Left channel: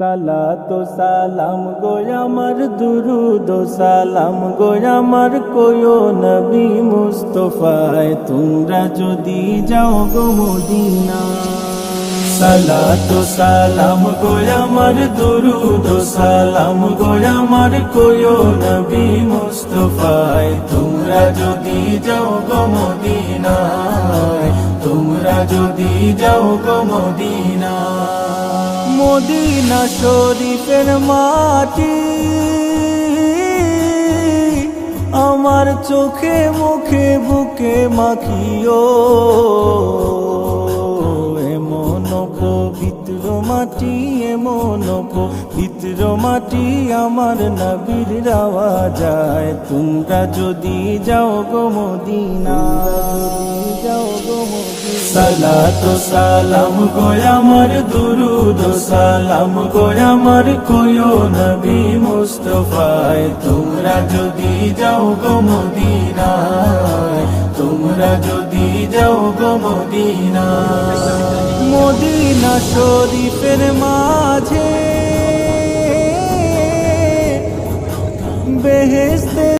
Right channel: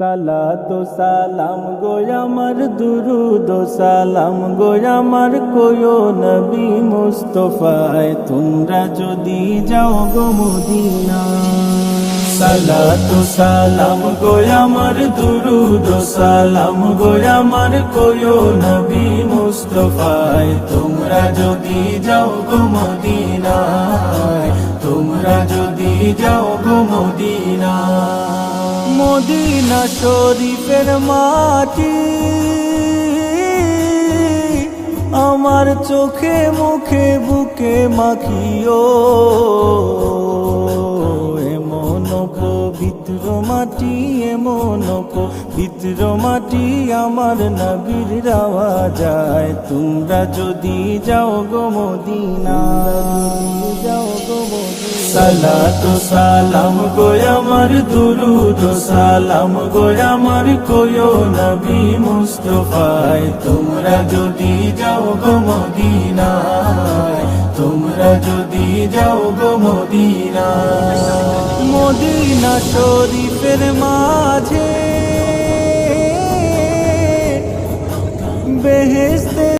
সালাতু সালাম গো আমার দুরুদ ও সালাম গো আমার কোয়ো নবী মুস্তাফায় তোমরা যদি যাও গো মদিনা। সালাতু সালাম গো আমার দুরুদ ও সালাম গো আমার কোয়ো নবী মুস্তাফায় তোমরা যদি যাও গো মদিনায়, তোমরা যদি যাও গো মদিনায়। মদিনা শরীফের মাটি আমার চোখে মুখে বুকে মাখিও, এমন পবিত্র মাটি, এমন পবিত্র মাটি আমার নবীর রাওয়া যায়। তোমরা যদি যাও গো মদিনা, যাও গো মদিনা। সালাতু সালাম গো আমার দুরুদ ও সালাম গো আমার কোয়ো নবী মুস্তাফায় তোমরা যদি যাও গো মদিনায়, তোমরা যদি যাও গো মদিনায়। মদিনা শরীফের মাঝে